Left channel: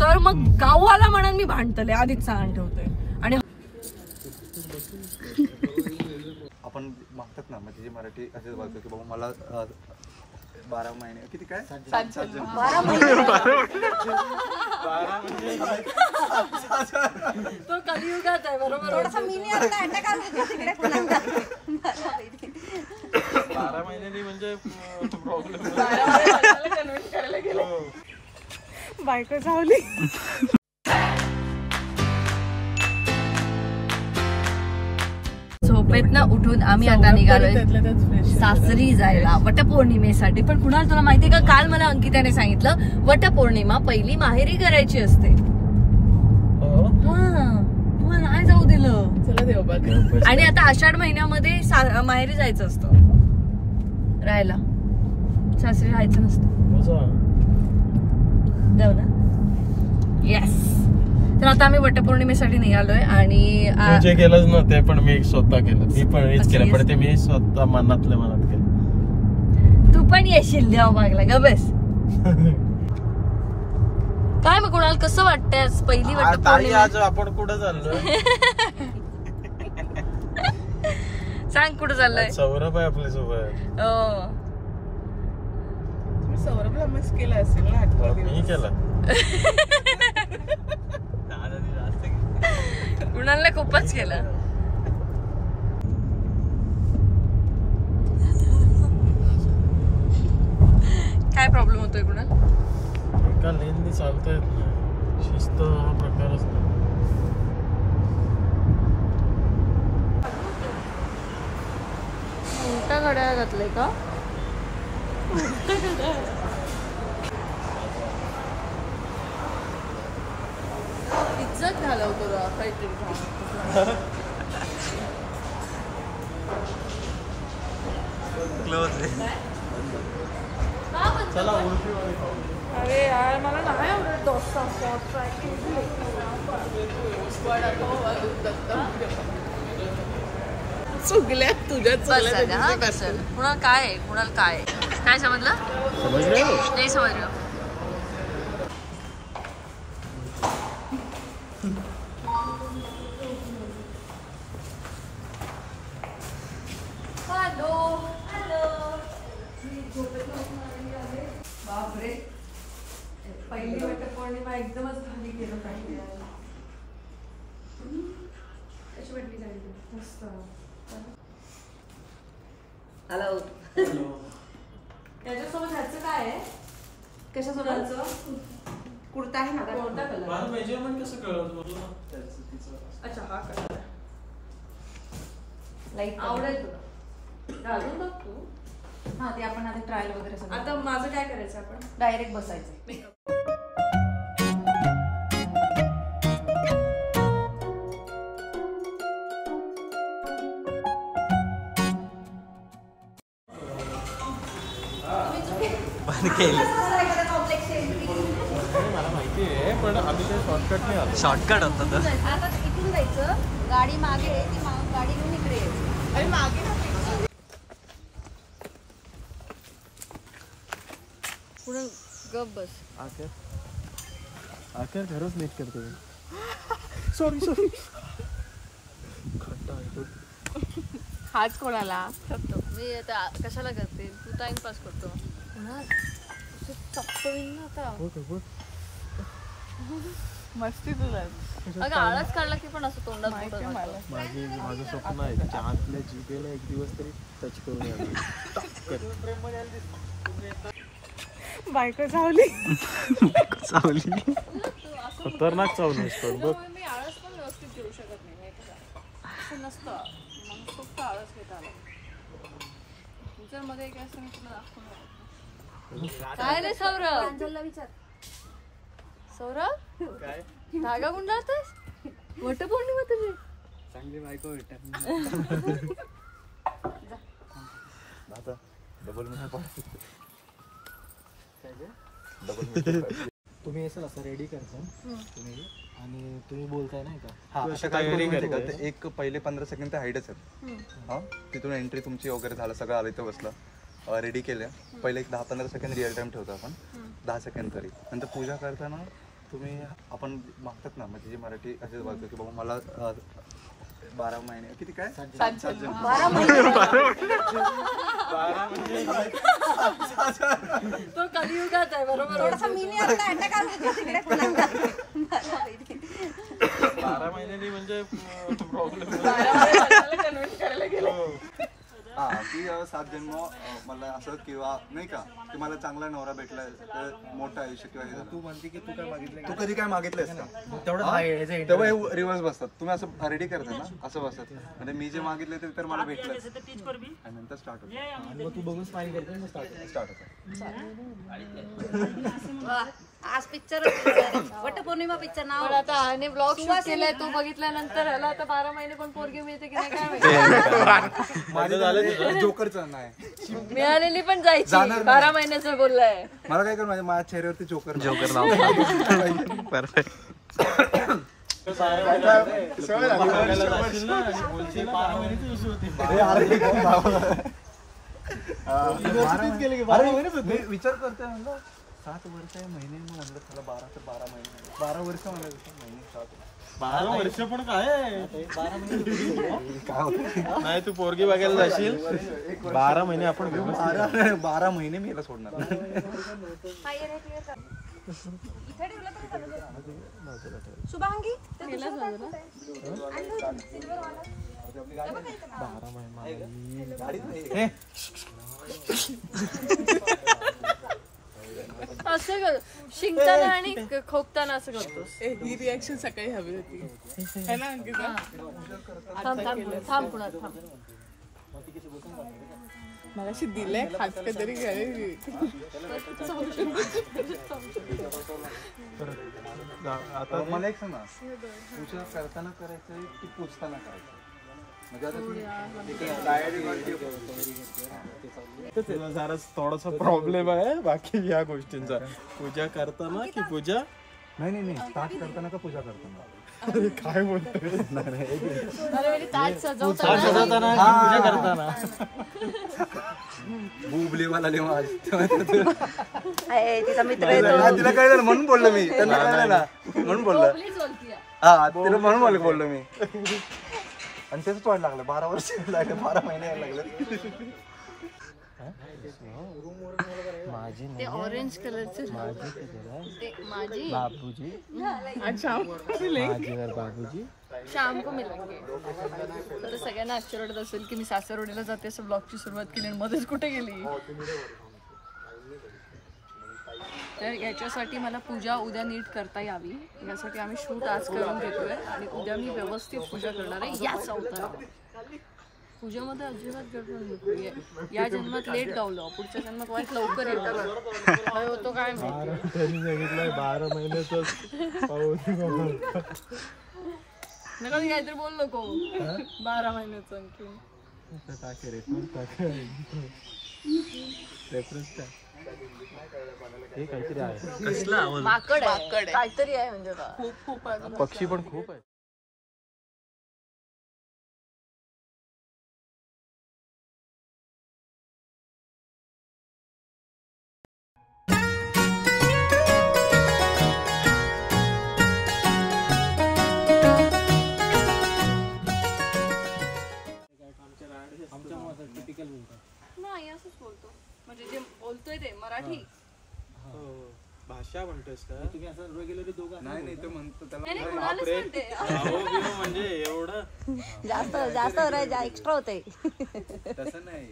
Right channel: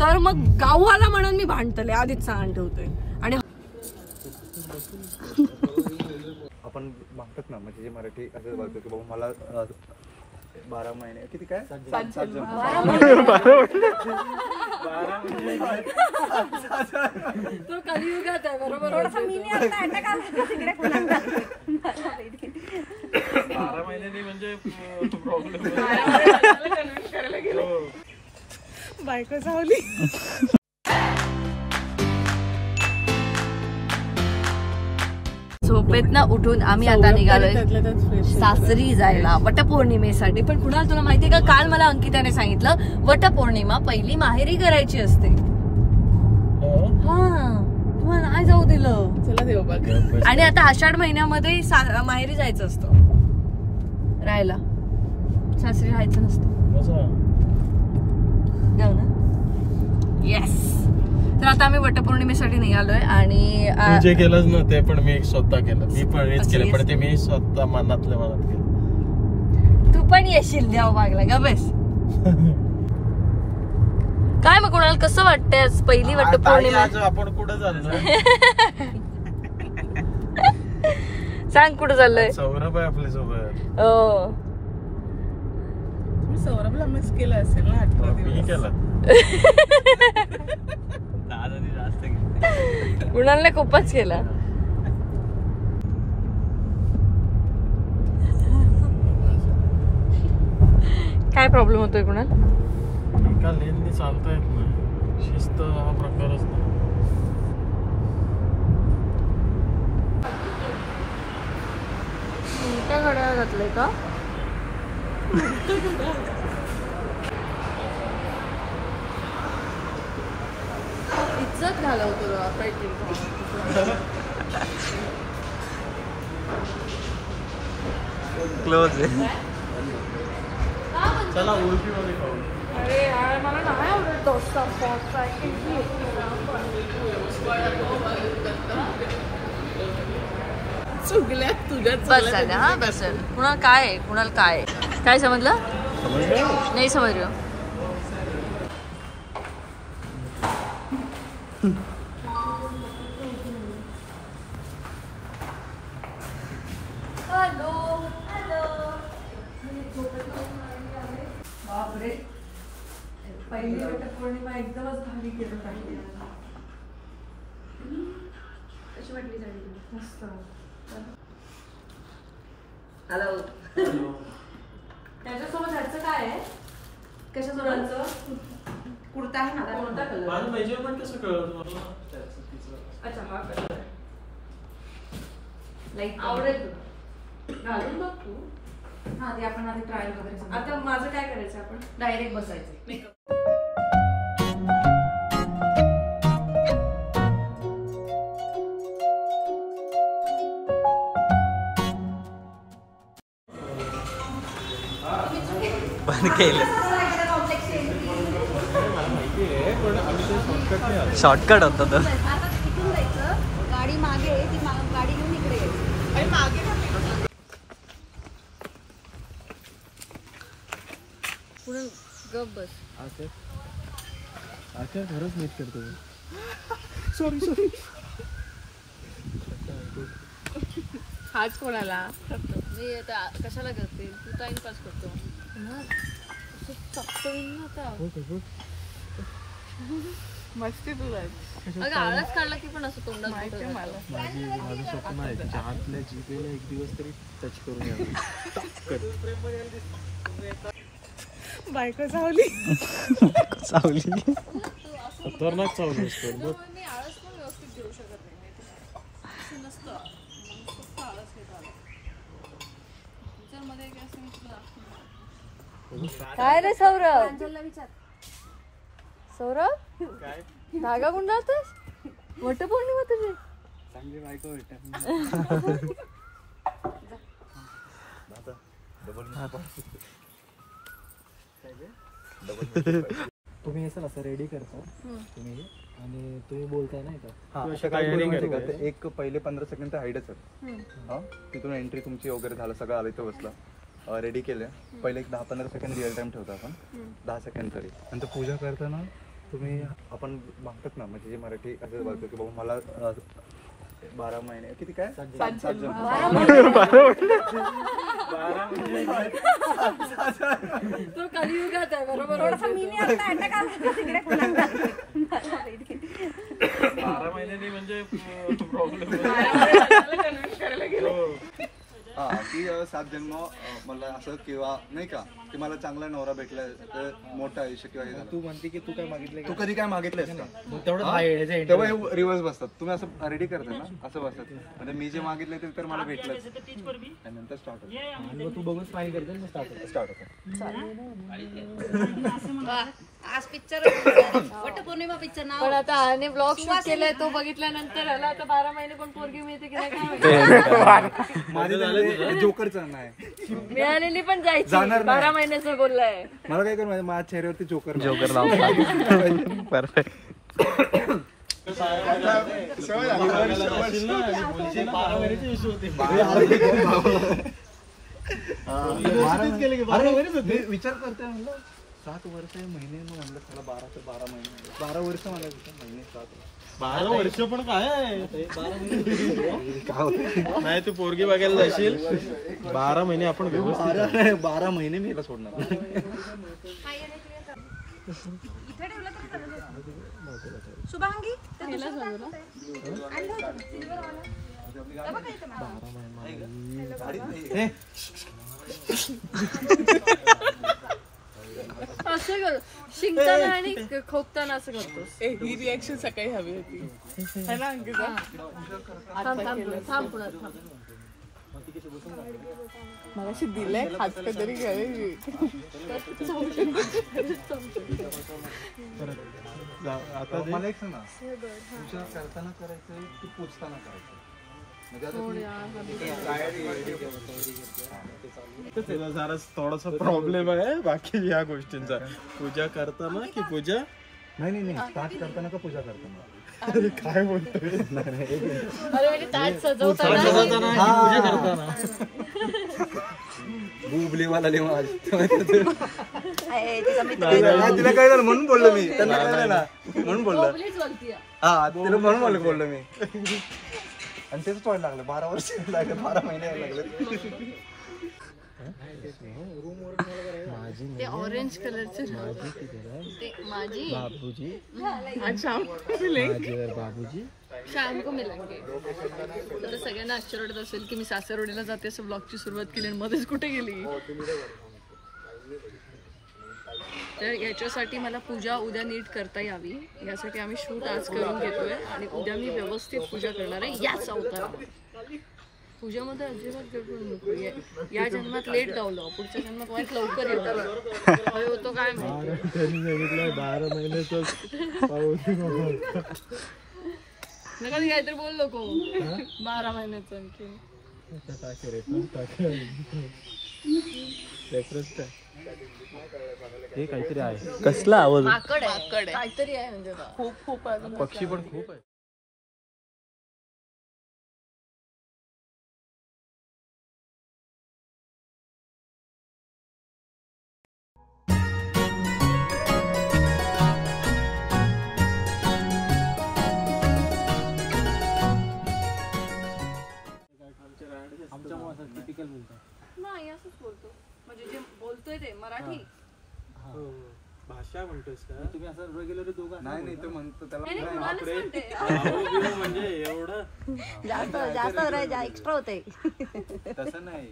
तर मग गाववाला म्हणून मी भांडतले आधीच सांगून ठेवतोय. आणि आपण मागतात ना म्हणजे जे मराठी असे बोलतो की बाबा मला 12 महिने किती काय 7 जन्म तो कलियुगात आहे बरोबर. 12 महिने म्हणजे बायको झाली. झोपेतनं उठून आम्ही आता निघालोय सासरी जायला वटपौर्णिमेसाठी. पण कुणाला तुला माहितीये का, काल मला अंकिताने सांगितलं वटपौर्णिमा पहिली माहेरी करायची असते. हा तुम्हाला नाही जाऊ दिलं. चला देव बघ. आणि आता आषाढ महिन्यामध्ये माहेरी जायचं असतं राहायला, सासरी राहायचं नसतं. जाऊ ना. येस. तर आता आम्ही वटपौर्णिमेसाठी निघालोय. आणि जे केलंच ना ते पण मी स्वतः केलं. मी पण हेच केलं, पण ते मी स्वतः मनातलं केलं. तू पण येशील देव मागला का बस. काय मग कुणाला कसं वाटतंय पहिली वटपौर्णिमा? आज आपण कुठं चाललोय सांग कुठं चाललोय? सौरभ आहे आपल्या सोबत. हो सौरभला मिस केला असेल ना. मी केलं. कुणाला खूपच केलं. काय प्रॉब्लेम होतोय कुणाल? एका लेननी चालता येत नाही, शिस्त प्रकारच नाही. उलटा घड्याळ घातलंय का? इज्जत घालवतो क्लोज आहे. अरे यार मला नाही आवडत डोसा. चुकल्या तुझ्याच. बस झालं. हा बस झालं. कुणाला काय आहे, कुणाला काय आहे, काय समजलं? नाही समजलं. Hello hello. बापरे पहिली वटपौर्णिमा एकदमच भारी केलं काही. कशी वाटली साडी? मस्त. हॅलो. त्याच्यासोबत ह्याचं काय आहे? कशासोबतचं? कुर्ता आहे ना. कोणता कलर? मेजरमेंट कसं कळलं? अच्छा हा कलर लाईक आवडेल तुला. घालून बघ तू. हा ते आपण आधी ट्रायल वगैरे. आता माझं काय करायचं, आपण डायरेक्ट बसायचं. पण केलं मला माहिती आहे, पण आम्ही ते शॉर्टकट नाही आलो. शॉर्टकट होतं तर. आता इथून जायचं, गाडी मागे, ती गाडी घेऊन इकडे यायची. मागे पुढे गप बस. आकर खरंच नीट करतो. सॉरी. हाच कोणाला मी आता कशाला करते? तू टाइमपास करतो ना. मस्ती तुला. अगं आळस काढला की पण असं तोंडात माझं स्वप्न आहे चहातल्या जिभेला एक दिवस तरी टच करून यावं. बायको चावली. खतरनाक चावली असतो बघ. मी आळस पण व्यवस्थित घेऊ शकत नाही माहिती का? असं नसतं. मला फक्त आळस घेता आला. फ्युचर मध्ये काय असं मी तुला दाखवणार. काय रे सौरभ? विचार. सौरभ काय धागा गुंडाळतेस? वटपौर्णिमा तुझी चांगली बायको भेटा. तुम्ही असं असं रेडी करता तुम्ही आणि तुम्ही बोलताय नाही का? अशा काय एक पहिले 15 सेकंद ते हाईडच आहे. हा तिथून एंट्री तुमची वगैरे झालं, सगळं आलं इथे बसलं, रेडी केलं. पहिले एक 10-15 सेकंद रिअल टाइम ठेवतो आपण, 10 सेकंद तरी. नंतर पूजा करताना तुम्ही आपण मागतात ना म्हणजे जे मराठी असे बोलतो की बाबा मला 12 महिने किती काय 7 जन्म तो कलियुगात आहे बरोबर. 12 महिन्यांनी म्हणजे प्रॉब्लेम हा की 7 जन्म मला असं किंवा नाही का की मला चांगला नवरा भेटला तर मोठं आयुष्य किंवा हे झालं. तू म्हणते की तू काय मागितलं तू कधी काय मागितलंस का तेवढं तेव्हा हे रिव्हर्स बसतात. तुम्ही असं रेडी करता ना असं बसतात म्हणजे मी जे मागितले ते तर मला भेटलं आणि नंतर स्टार्ट होतं आणि मग तू बघून स्माइल करते ना स्टार्ट होतं. आज पिक्चर वटपौर्णिमा पिक्चर नाव पण आता आणि ब्लॉग शूट केलाय तो बघितल्यानंतर ह्याला आता 12 महिने कोण पोरगी मिळते की नाही काय माहिती. माझे झाले जोकरचं नाही मिळालेली पण जायची 12 महिन्याचं बोललाय. मला काय कर माझ्या चेहऱ्यावरती जोकर परफेक्ट. विचार करतोय म्हणलं 7 वर्ष महिने मग म्हणलं त्याला 12 तर 12 महिने 12 वर्ष मला महिने 7 12 वर्ष पण काय नाही तू पोरगी बघायला जाशील 12 महिने आपण 12 महिने मी याला सोडणार. शुभांगी असं कर शिंकताना आणि खोकताना असं करतोस. ही रिॲक्शन सकाळी हवी होती है ना अंकिता. थांब पुन्हा थांब. मला अशी दिलंय खास तरी आता मला एक सांग ना विचार करताना करायचं की पोचताना करायचं तुला जरा थोडासा प्रॉब्लेम आहे बाकी या गोष्टींचा. पूजा करताना की पूजा नाही स्टार्ट करताना का पूजा करताना काय बोलतोय सजवताना पूजा करताना बुबलीवाला लेवा तिला काय झालं म्हणून बोललो मी त्यांना कळलं ना म्हणून बोललो हा तिला म्हणून बोललो मी आणि तेच वाट लागलं 12 वर्ष लागले 12 महिने लागले. ते ऑरेंज कलरचे माझी बाबूजी अच्छा माझीवर बाबूजी शाम को मिलेंगे. तर सगळ्यांना आश्चर्य वाटत असेल की मी सासरवाडीला जाते असं ब्लॉगची सुरुवात केली आणि मध्येच कुठे गेली. तर याच्यासाठी मला पूजा उद्या नीट करता यावी यासाठी आम्ही शूट आज करून घेतोय आणि उद्या मी व्यवस्थित पूजा करणार आहे याच अवतारात. पूजामध्ये अजिबात गडबड नको. या जन्मात लेट गावलो पुढच्या जन्मात वाईट लवकर येतो काय त्यांनी सांगितलंय 12 महिन्याचं नका मी काहीतरी बोल नको 12 महिन्याचं आणखी टाके रेफरन्स काय हे काहीतरी आहे. कसला आवाज काहीतरी आहे म्हणजे खूप पक्षी पण खूप आहे. नाही असंच बोलतो म्हणजे जे बोलतोय ते मराठी भाषा म्हणतोस का तुम्ही असं रेग्युलर दोघं नाही ते म्हणतो त्याला म्हणजे एवढं जास्त एक्स्ट्रा होते तसं नाही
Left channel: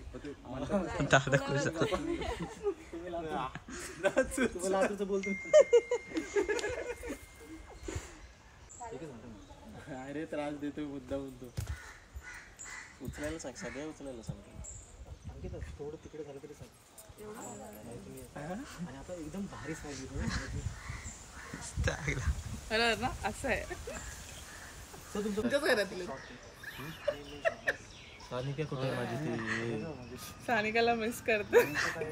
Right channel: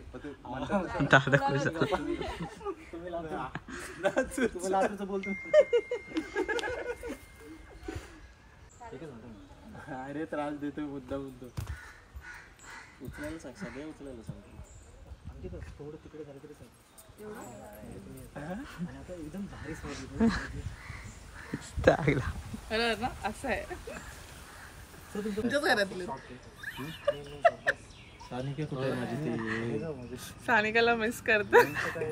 बोलतो अरे त्रास देतोय मुद्दा उचलायला सांग सगळ्या उचलायला सांगतो. थोडं तिकडे झालं तरी सांग आणि आता एकदम भारी सावली अरे ना असं आहे तुमच्याच घरातले. सानिका कुठे आहे माझी ती सानिकाला मिस करते.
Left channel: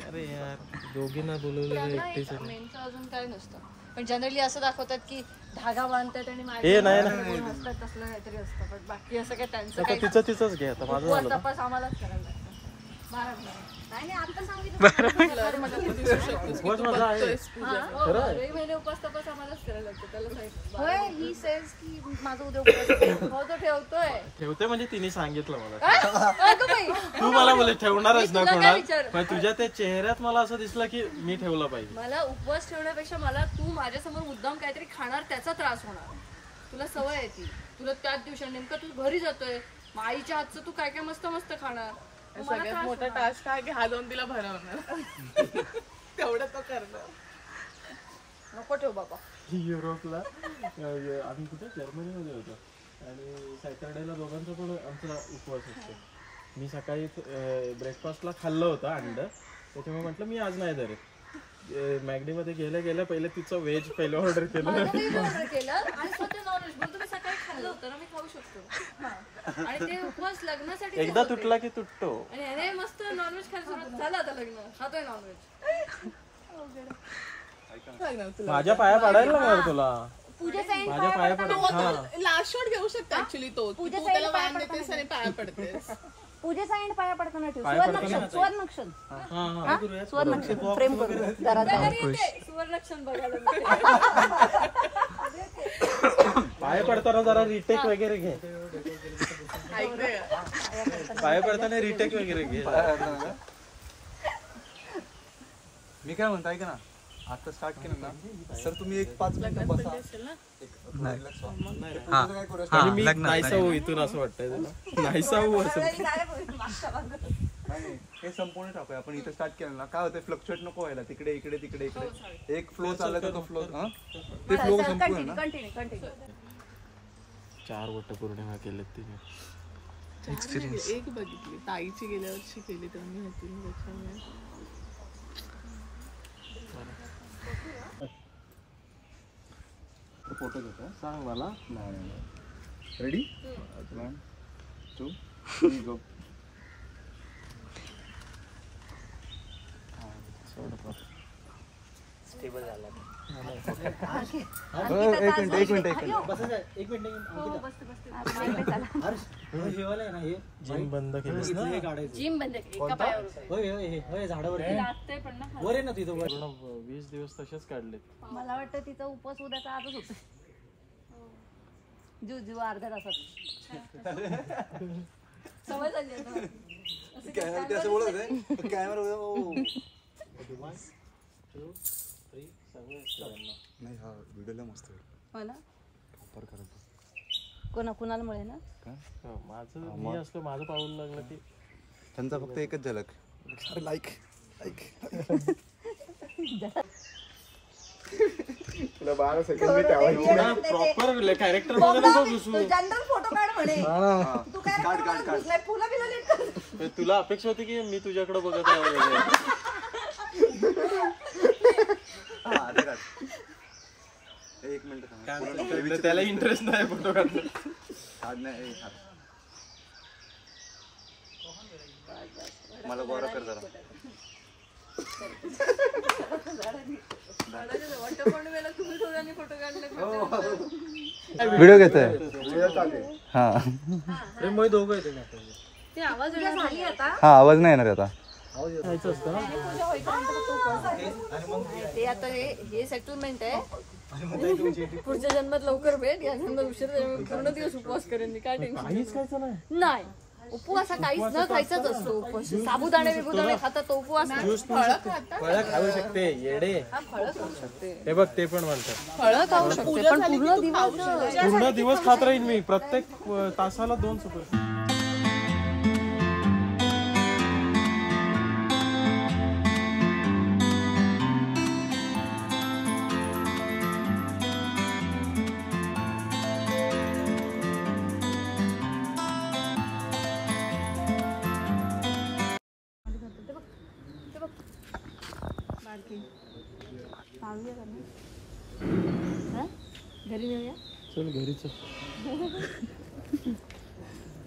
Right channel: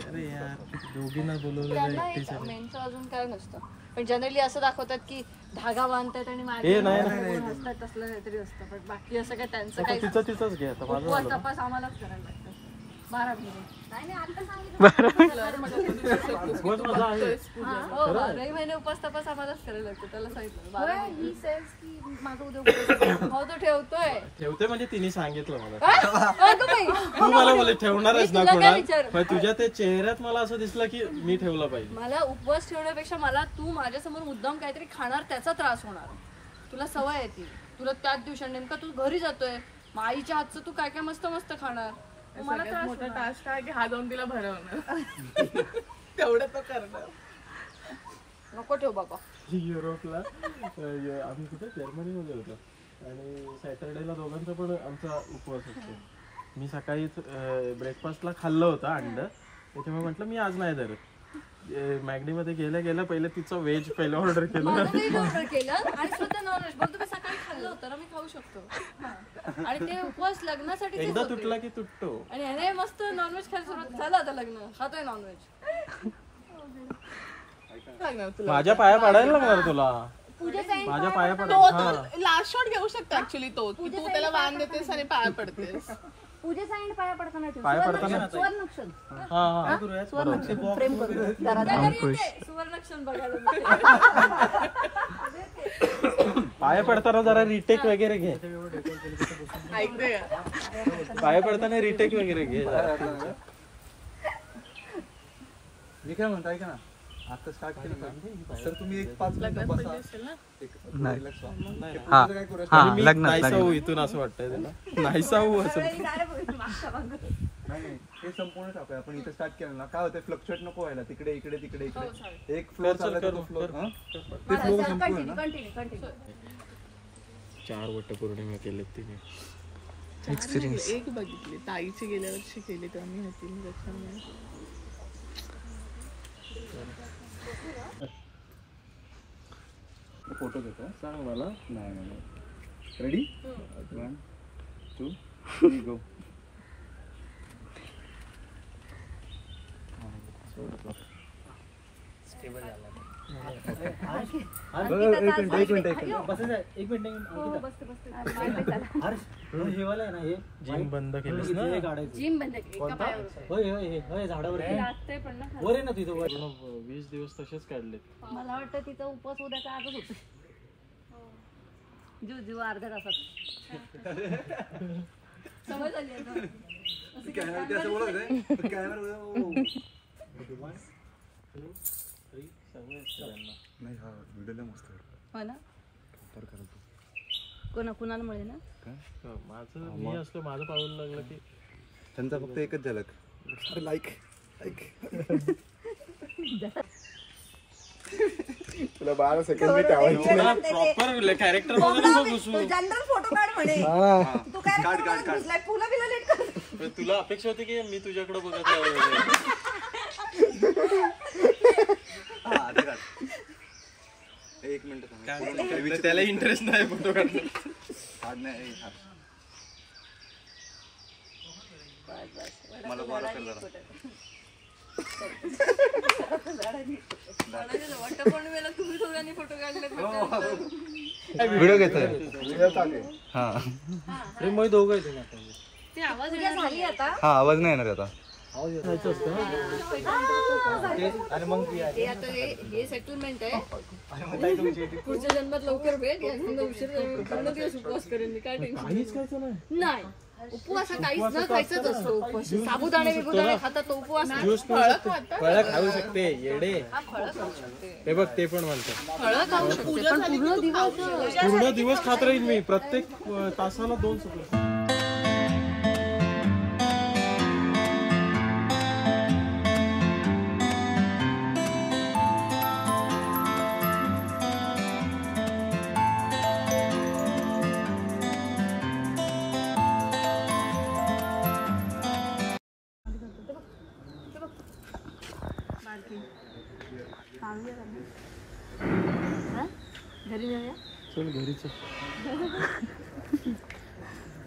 अरे यार दोघींना बोलवलेलं एकटेच आहे. अजून काय नसतं पण जनरली असं दाखवतात की धागा बांधतात आणि हसतात तसलं काहीतरी असतं पण बाकी असं काय त्यांचं काही तिचंच घे आता उपवास तपास आम्हालाच करायला लागतं. महिने उपास तपास आम्हालाच करायला लागतो त्याला ठेवतोय म्हणजे तिने सांगितलं मला. तू मला बोले ठेवणारच ना कोणा, तुझ्या त्या चेहऱ्यात मला असं दिसलं की मी ठेवला पाहिजे. मला उपवास ठेवण्यापेक्षा मला तू माझ्यासमोर मुद्दाम काहीतरी खाणार त्याचा त्रास होणार. तुला सवय आहे ती, तुला त्याच दिवशी नेमका तू घरी जातोय आईच्या हातचं तू काय काय मस्त मस्त खाणार. मला त्रास मोठा टास्क आहे की हा दोन तिला भरवणार तेवढं तो करणार. नको ठेव बाबा. युरोपला आम्ही कुठे जर्मनीमध्ये होतो आणि सॅटर्डेला दोघांचा पण आमचा उपवास असतो. मी सकाळी ब्रेकफास्टला खाल्लं होतं अंड, त्याच्यामुळे म्हटलं मी आज नाही धरत. मॅगडीमध्ये गेल्या गेल्या पहिले तिचं व्हेज पहिलं ऑर्डर केलं आणि स्वतः नॉनव्हेज बोलतो मी सकाळी खाल्लं होतं ना, मी खाऊ शकतो. आणि ते उपवास लग्नासाठी एकदा तुटला की तुटतो. आणि अरे मस्त नॉनव्हेज खायला सुरुवात झालं, आता लग्न खातोय नॉनव्हेज. माझ्या पाया पडायला लागणार तुला. माझ्या पाया पड. लास्ट शॉट घेऊ शकतो ऍक्च्युली तो. तू त्याला वाण देतेस आणि पाया पडतेस. पूजेचा एंड पाया पडताना ठेव. पाया पडताना सुवर्णक्षण सुवर्णक्षण प्रेम करून सुवर्णक्षण बघायला पाया पडताना जरा रिटेक वगैरे घे. पाया पडताना रिटेक वगैरे घे. मी काय म्हणतो ऐका ना, आता स्टार्ट केलं ना सर तुम्ही एक 5 मिनिटं बसा. नाहीसा हो इथून असं वाटतंय तुला. नाहीसा हो असं नाही, हे संपूर्ण टाकूया आपण. इथे स्टार्ट केलं ना काय होतं, फ्लक्च्युएट नको व्हायला तिकडे इकडे तिकडे इकडे. एक फ्लो चालला तर तो फ्लो ते फ्लो संपूर्ण ना. 4 वटपौर्णिमा केलेत तिने. एक बघितली ताईची गेल्या वर्षी केली तेव्हा मी होती मी त्याच्यामुळे. फोटो घेतो सांग मला. नाही रेडी 1 2 3 गो. जिम बंद केलीस ना. जिम बंद एका पायावर लागतंय पण ना. 20 दिवस तसेच काढले. मला वाटतं तिचा उपवास उद्याचा आजच होतोय. जीव अर्ध्या तासात सवय झाली आहे. नाही हा व्हिडिओ मस्त कुणाला मिळे ना. माझं मी असलं माझं पाऊल लागलं की त्यांचा फक्त एकच झलक लाईक तुला 12 सेकंद प्रॉपर कॅरेक्टर मध्ये नको घुसू. तुला अपेक्षा होती की मी तुझ्याकडे बघत आहे. एक मिनिट त्याला इंटरेस्ट नाही फोटो काढणं. मला बरं कर जरा. वटपौर्णिमेला तुम्ही दोघांनी फोटो काढले. व्हिडिओ घेतोय हा. दोघं ते आवाज झाली आता. हा आवाज नाही येणार आता. हे आता हे सेटलमेंट आहे. पुढच्या जन्मात लवकर भेट. या जन्मात उशीर पूर्ण दिवस उपवास करेन मी. काय टेन्शन नाही. उपवास हा काहीच न खायचाच असतो. उपवास साबुदाणे बिबुदाणे खातात तो उपवास. फळं खाऊ शकते येडे. हे बघ ते पण म्हणतात फळं खाऊ शकते पण पूर्ण दिवस खात राहील मी. प्रत्येक तासाला 2 सुपर. घरी जाऊया. चल घरी चल.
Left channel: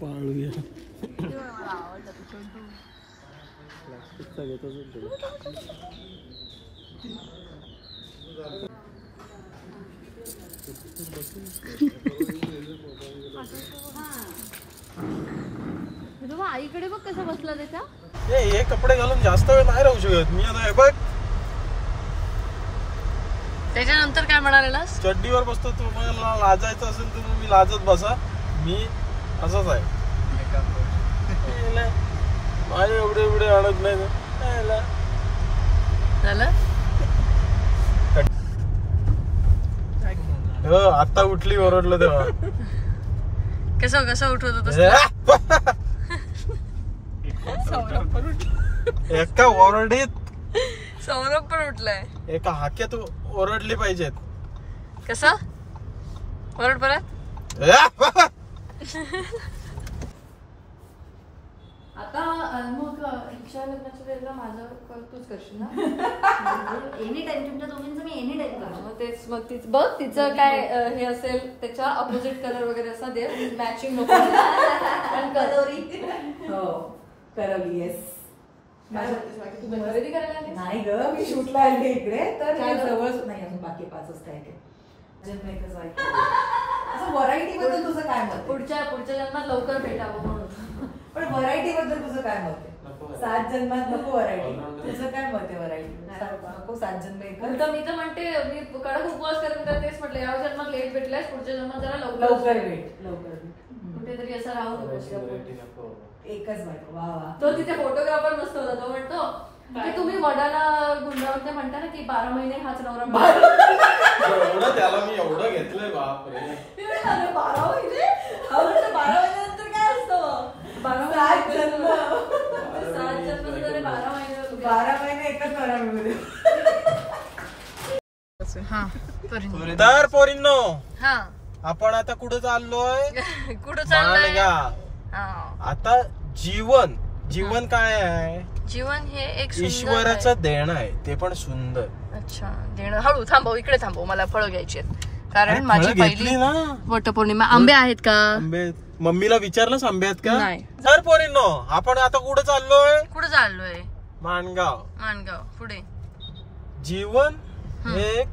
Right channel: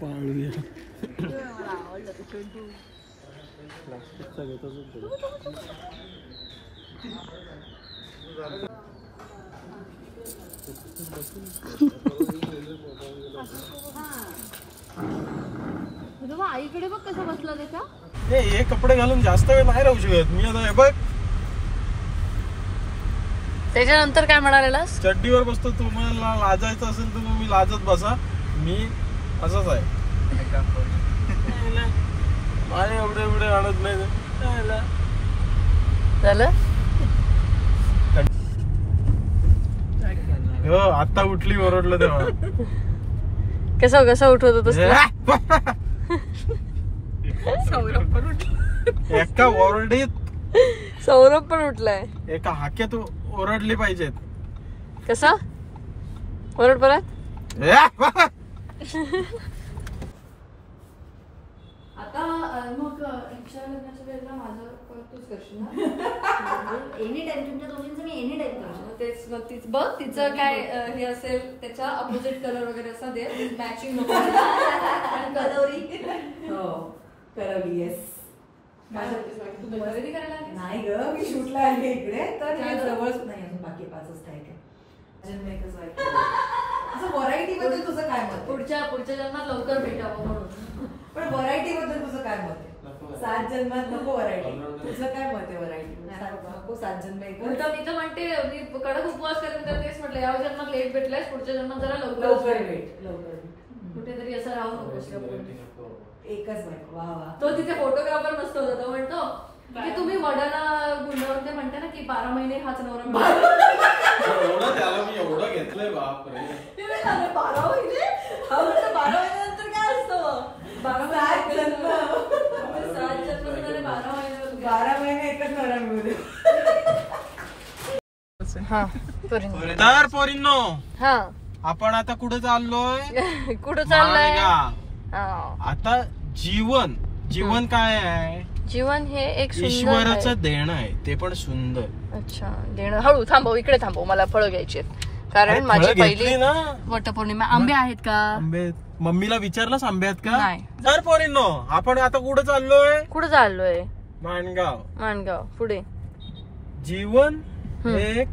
पाळूया. मला आवडलं तू छोटू. आईकडे बघ कसं बसला त्याचा. हे कपडे घालून जास्त वेळ नाही राहू शकत मी. आता हे बघ त्याच्यानंतर काय म्हणालेला? चड्डीवर बसतो. तुम्हाला लाजायचं असेल तर मी लाजत बसा. मी असंच आहे. माझे एवढे आणत नाही. आता उठली ओरडलं तेव्हा. कसं उठवत होत? एका ओरडीत सौरभ पण उठलाय. एका हाक्यात ओरडली पाहिजेत. कसा ओरड परत? आता मग इच्छा लग्नाच्या वेळेला माझं तूच करशील ना? एनी टाइम तुमच्या दोघींचं मी एनी टाइम करतो. तेच मग बघ तिचं काय हे असेल त्याच्या अपोजिट कलर वगैरे असा दे. मॅचिंग नको. कलोरी हो करवली. येस. तू खरेदी करायला नाही ग, मी शूटला आले इकडे तर हे जवळ नाही. अजून बाकी 5 वाजता आहे. असं व्हरायटी बद्दल तुझं काय मत? पुढच्या जन्मात लवकर भेटावं म्हणून. पण व्हरायटी बद्दल तुझं काय मत आहे? 7 जन्मात नको व्हरायटी. तुझं काय मत आहे व्हरायटी? नको 7 जन्म एक. मी तर म्हणते मी कडक उपवास करेन तर तेच म्हटलं या जन्मात लेट भेटलाय पुढच्या जन्मात जरा लवकर भेट. कुठेतरी असं राहून एकच बायको. वा वा. तो तिथे फोटोग्राफर नसतो तो म्हणतो की तुम्ही वडाला गुंडाळून ते म्हणता ना की 12 महिने हाच नवरा त्याला मी एवढं घेतलंय. बापरे 12 महिने 12 महिन्यानंतर काय असतं? 12 जन्म 12 महिने एकच नवरा मिळू. तर पोरींनो हा आपण आता कुठे चाललोय? कुठं चाललंय? आता जीवन काय आहे? जीवन हे एक ईश्वराचं देणं आहे. ते पण सुंदर. अच्छा देणं. हळू थांबव, इकडे थांबव, मला फळं घ्यायची आहेत कारण माझी पहिली वटपौर्णिमा. आंबे आहेत का? आंबे मम्मीला विचारलंस आंबे आहेत का? नाही. तर पोरींनो आपण आता कुठे चाललोय? कुठं चाललोय? माणगाव. पुढे. जीवन हे एक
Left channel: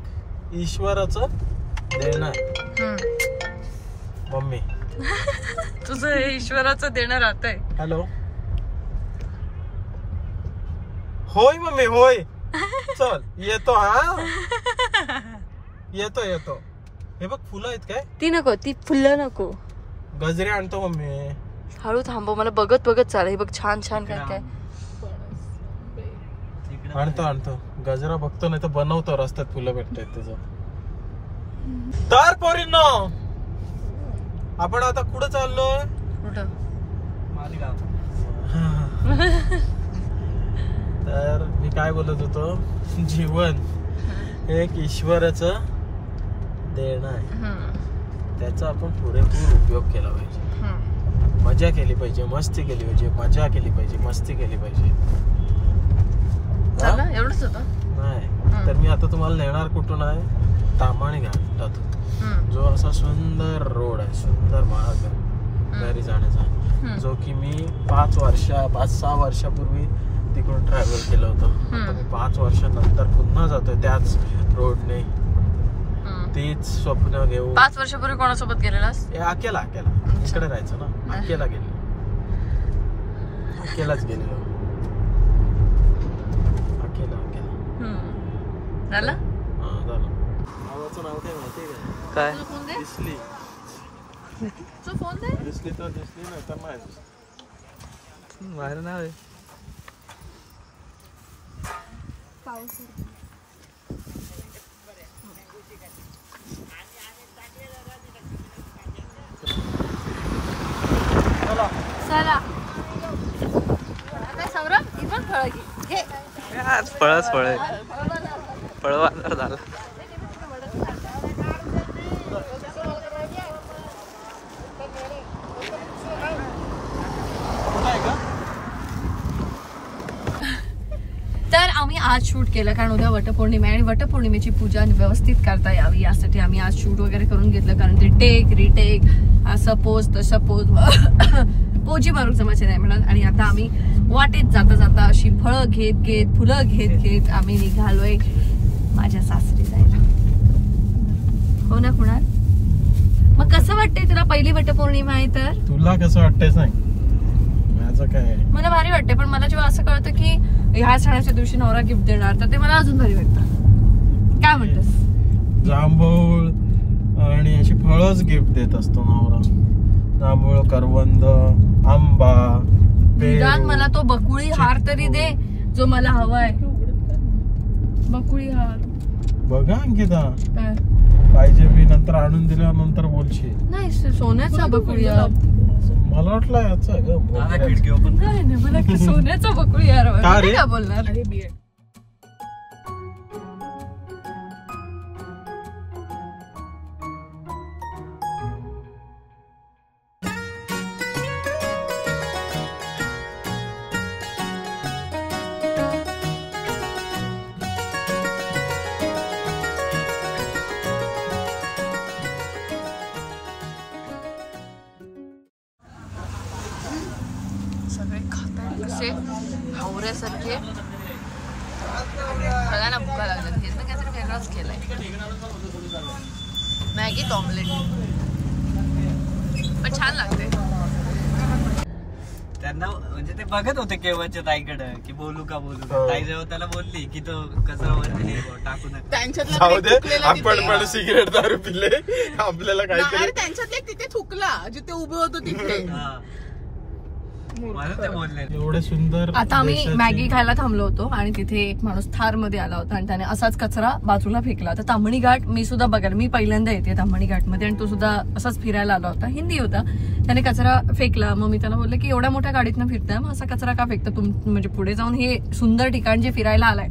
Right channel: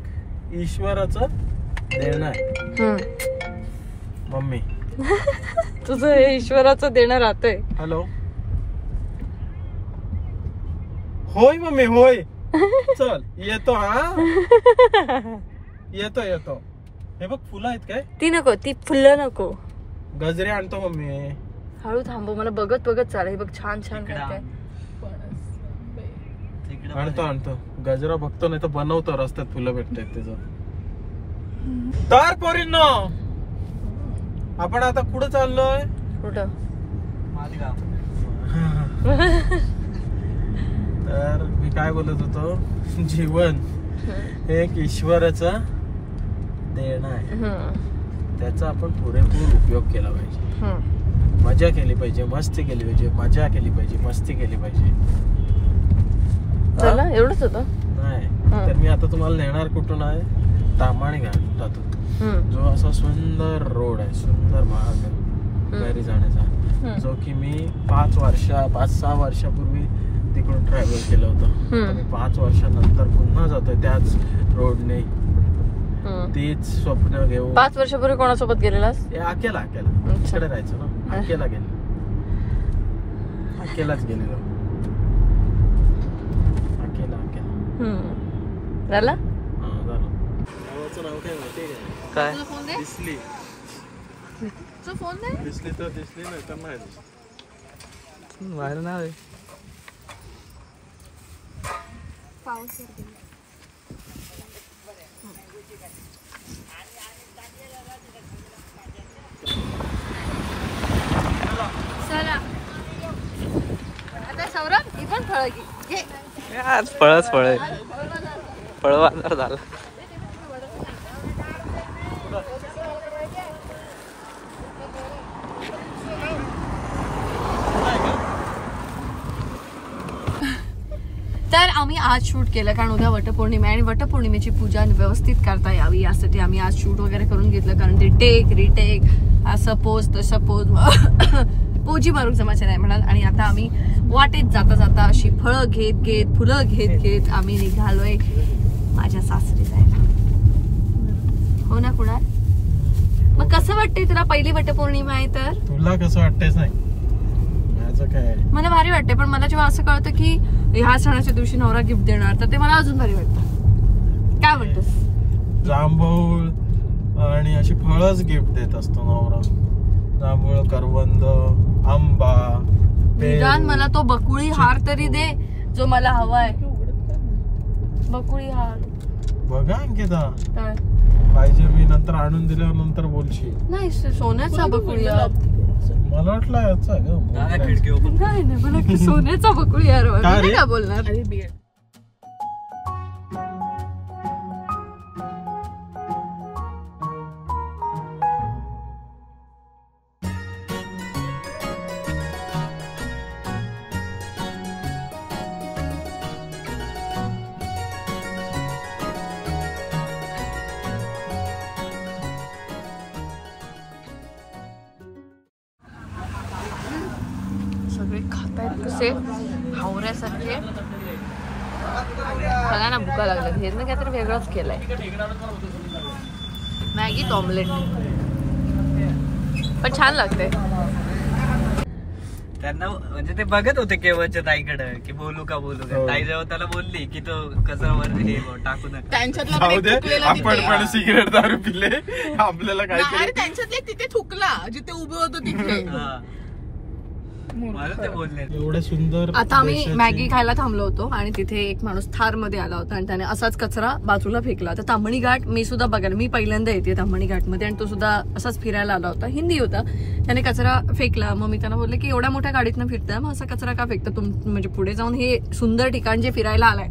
ईश्वराचं देणं आहे. मम्मी तुझं हे ईश्वराचं देणं राहतंय. हॅलो. होय मम्मी होय. चल येतो. हा येतो. हे बघ फुलं आहेत काय? ती नको, ती फुलं नको. गजरे आणतो मम्मी. हळू थांबव, मला बघत चाल. हे बघ छान काय काय आणतो. गजरा बघतो नाही तर बनवतो. रस्त्यात फुलं भेटतात त्याचं. तर पोरींनो आपण आता कुठं चाललोय? कुठं? तर मी काय बोलत होतो? जीवन हे एक ईश्वराचं देणं आहे. त्याचा आपण पुरेपूर उपयोग केला पाहिजे. मजा केली पाहिजे, मस्ती केली पाहिजे. एवढंच होतं. नाही तर मी आता तुम्हाला नेणार कुठून आहे? तामाणी घाटातून. जो असा सुंदर रोड आहे, सुंदर मार्ग आहे घरी जाण्याचा, जो की मी 5-6 वर्षापूर्वी तिकडून ट्रॅव्हल केलं होतं. मी 5 वर्षानंतर पुन्हा जातोय त्याच रोडने. तीच स्वप्न घेऊन. 5 वर्षापूर्वी कोणासोबत गेलेलास? अकेला तिकडे राहायचं ना. अकेलाच गेलेलो. अकेला झालं. नाव काय माहितीये काय? दिसली तर दिसली नाही तर नाही. बाहेर नाव आहे. चला आता सौरभ ही पण फळ घे. फळच फळ आहे. फळ बाजार झाला. तर आम्ही आज शूट केलं कारण उद्या वटपौर्णिमा आहे आणि वटपौर्णिमेची पूजा व्यवस्थित करता यावी यासाठी आम्ही आज शूट वगैरे करून घेतलं. कारण ते टेक रिटेक सपोज पोजी मारून जमाचे नाही म्हणून. आणि आता आम्ही वाटेत जाता अशी फळं घेत फुलं घेत आम्ही निघालोय माझ्या सासरी जायला. हो ना कुणाल? मग कसं वाटतंय तुला? पहिली वटपौर्णिमा आहे तर तुला कसं वाटतेच नाही? माझं त्याचं काय मला भारी वाटते. पण मला जेव्हा असं कळतं की ह्या सणाच्या दिवशी नवरा गिफ्ट देणार तर ते मला अजून भारी वाटतं. काय म्हणतोस? जांभूळ आणि अशी फळच गिफ्ट देत असतो नवरा. जांभूळ, करवंद, आंबा. निदान मला तो बकुळी हार तरी दे जो मला हवाय. बकुळी हार बघा अंकिता काय पाहिजे मी नंतर आणून दिल्यानंतर बोलशील. नाही सोन्याचा बकुळी हार. मला वाटलं याचा ग खिडकी ओपन. काय नाही मला सोन्याचा बकुळी हार हवा. मी काय बोलणार. अरे बियड सगळे खातायत कसे हावऱ्यासारखे. सगळ्यांना भुका लागल्यात. हे मी काहीतरी वेगळंच केलंय. मॅगी ऑमलेट पण छान लागतंय. त्यांना म्हणजे ते बघत होते केवळच्या ताईकडे की बोलू का ताई जेव्हा त्याला बोलली की तो कचरावर हे टाकू नका. आपण पण सिगरेट दारू पिले आपल्याला काहीतरी. त्यांच्यातले तिथे थुकला जिथे उभं होतं तिथे. एवढं सुंदर. आता आम्ही मॅगी खायला थांबलो होतो आणि तिथे एक माणूस थार मध्ये आला होता आणि त्याने असाच कचरा बाजूला फेकला होता. ताम्हणी घाट मी सुद्धा बघायला मी पहिल्यांदा येते ताम्हणी घाट मध्ये आणि तो सुद्धा असाच फिरायला आला होता. हिंदी होता. त्याने कचरा फेकला. मग मी त्यांना बोलले की एवढ्या मोठ्या गाडीतनं फिरताय मग असा कचरा का फेकता म्हणजे पुढे जाऊन हे सुंदर ठिकाण जे फिरायला आलाय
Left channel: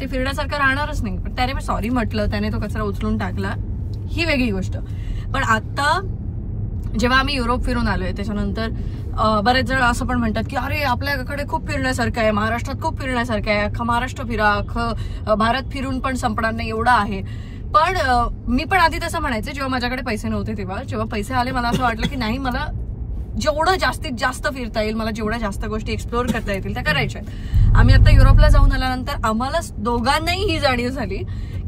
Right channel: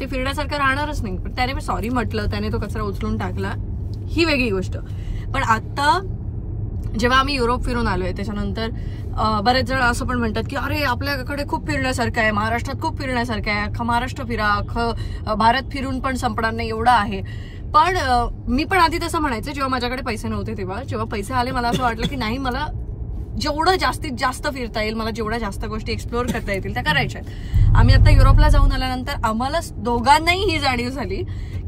ते फिरण्यासारखं राहणारच नाही. पण त्याने सॉरी म्हटलं. त्याने तो कचरा उचलून टाकला. ही वेगळी गोष्ट. पण आता जेव्हा आम्ही युरोप फिरून आलोय त्याच्यानंतर बरेच जण असं पण म्हणतात की अरे आपल्याकडे खूप फिरण्यासारखं आहे. महाराष्ट्रात खूप फिरण्यासारखं आहे. अख्खा महाराष्ट्र फिरा. अख्खं भारत फिरून पण संपणार नाही एवढं आहे. पण मी पण आधी तसं म्हणायचं जेव्हा माझ्याकडे पैसे नव्हते तेव्हा. जेव्हा पैसे आले मला असं वाटलं की नाही मला जेवढं जास्तीत जास्त फिरता येईल मला जेवढ्या जास्त गोष्टी एक्सप्लोर करता येतील त्या करायच्या. आम्ही आता युरोपला जाऊन आल्यानंतर आम्हाला दोघांनाही ही जाणीव झाली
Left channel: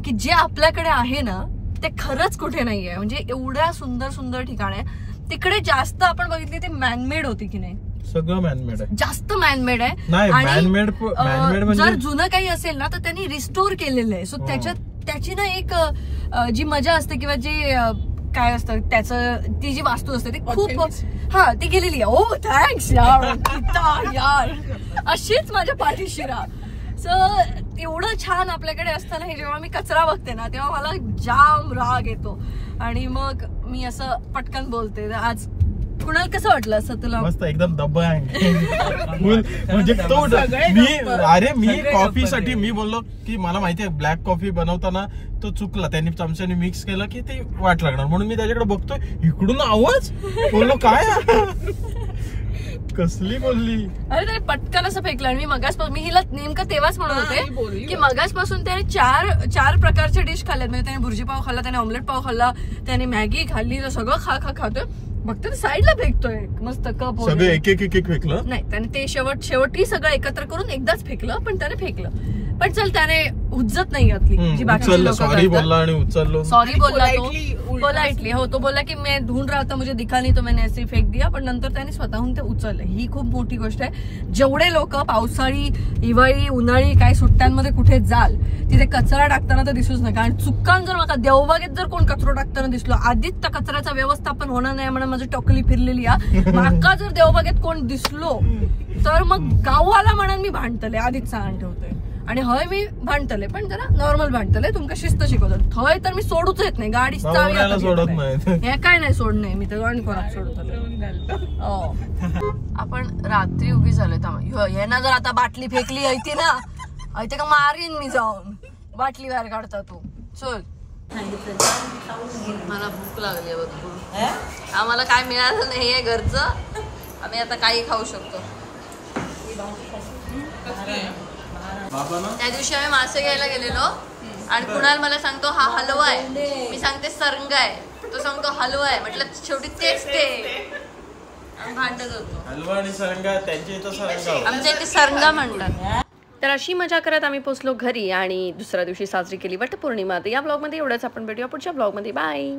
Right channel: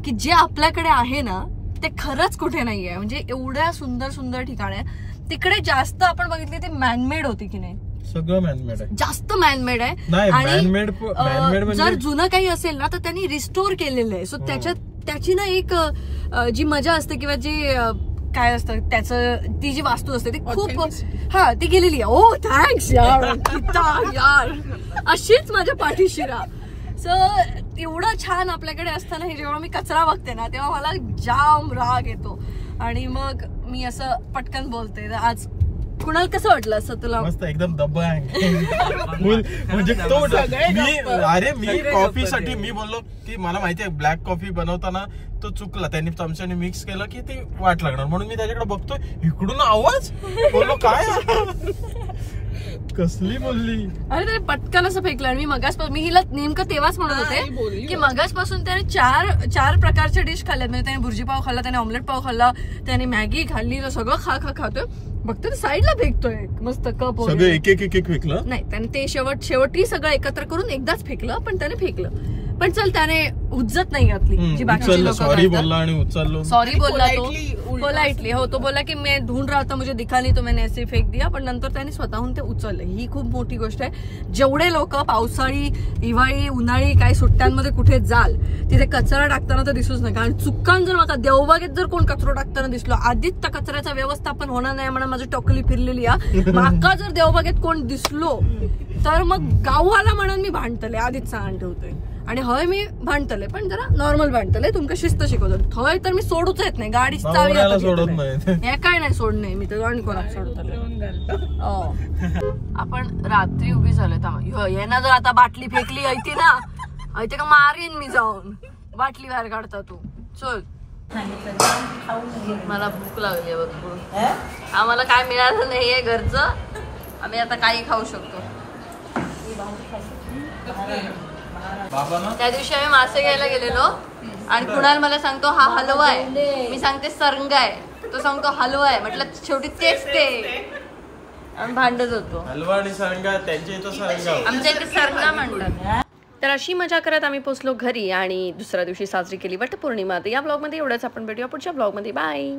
की जे आपल्याकडे आहे ना ते खरंच कुठे नाही आहे. म्हणजे एवढ्या सुंदर सुंदर ठिकाण आहे. तिकडे जास्त आपण बघितली ते मॅनमेड होती की नाही. सगळं मॅनमेड आहे. जास्त मॅनमेड आहे. आणि जर जुनं काही असेल ना तर त्यांनी रिस्टोर केलेलं आहे. सो त्याची ना एक जी मजा असते किंवा जी काय असतं त्याचं ती जी वास्तू असते ती खूप ती गेलेली आहे. ओ थँक्स यार अशीच माझ्या पाठीशी राहा. सो एवढं छान आपल्याकडे असताना हे जेव्हा मी कचरा बघते ना तेव्हा मला जाम राग येतो आणि मग मी असं पटकन बोलते. आज कुणाल कसं वाटलं असं तुला? मस्त एकदम दब्बा आहे. म्हणजे तो मी कॉफीसाठी मी बोललो की मला माहिती आहे ब्लॅक कॉफी बनवताना तो चुकला. त्यांनी चमच्याने मिक्स केलं की ते वाट लागणार म्हणून मी त्याच्याकडे बघतोय इकडून आवाज बोललो काय कसली बोलली. अरे त्याने पटकन असं फेकलं. आणि मी हिला नेमकं तेव्हाच म्हणत होते की मगासपासून त्याने चार प्रकारचे डिश खाल्ल्यात. म्हणजे त्याने भुर्जी पाव खाल्ला, त्याने ऑमलेट पाव खाल्ला, त्याने मॅगी खाल्ली. सगळं खातोय बघतोय साईडला फेकतोय मस्त कप वगैरे. एक फेकलं नाही त्याने ते शेवटी सगळं एकत्र करून एकदाच फेकलं. पण त्याने फेकलं. पण चल त्याने उज्जत नाही घातली जी बाकीची लोक. सॉरी बोलला आणि उचललो. सॉरी बोलला तो पोलाइटली. हो तो बोला की मैं ढूंढ रहा था मुझे दिखा नहीं तो मैंने ऐसे फेक दिया. पण नंतर त्याने स्वतःहून ते उचललं. ही खूप मोठी गोष्ट आहे. जेवढे लोक पावसाळी हिवाळी उन्हाळी काय सुट्ट्यांमध्ये कुठे जाल तिथे कचरा टाकताना तर दिसूच नका. आणि चुक्कान जर मला देवबागेत जर कोण कचरा टाकताना दिसलो आधीच त्या कचऱ्याचं व्यवस्थापन होणार नाही म्हणून माझी टोकली फिरलेली आहे. माका जर देवबागेत कोण दिसलो तर मग गाववाला म्हणून मी भांडतले आधीच सांगून ठेवतोय. आणि हय मी भांडतले पण जरा नॉर्मल भांडतले. तुमका शिस्त शिकवतो. हय तर मी सोडूच येत नाही. गाडी चावी हे काय नाही सोड नाही मी तर गाडी खोराक सोडतो. आपण रात्री उभी झालोय. यांना जर आता बाटली फेकली होती ना ते का मारीन मी जाऊन. बाटली बाहेर काढता तू चल. मला भूक लागली बघ. आम्हाला काय मिळालं नाहीये घरचं. आम्ही आता काही खाऊ शकतो. त्या दिवशी आम्ही मासे घ्यायला गेलेलो आणि कुणाल मला सांगतो हा हलवा आहे. मी सांगते सरंगा आहे. तो सांगतो हलवा आहे. म्हटलं शेवटी तेच ते भांडत होतो. हलवा आणि सरंगा त्यांच्या इथं सरंगा आमच्या इथे सरंगा म्हणतात. तर अशी मजा करत आम्ही पोहोचलो घरी आणि दुसऱ्या दिवशी साजरी केली वटपौर्णिमा. या ब्लॉगमध्ये एवढंच. आपण भेटूया पुढच्या ब्लॉगमध्ये. बाय.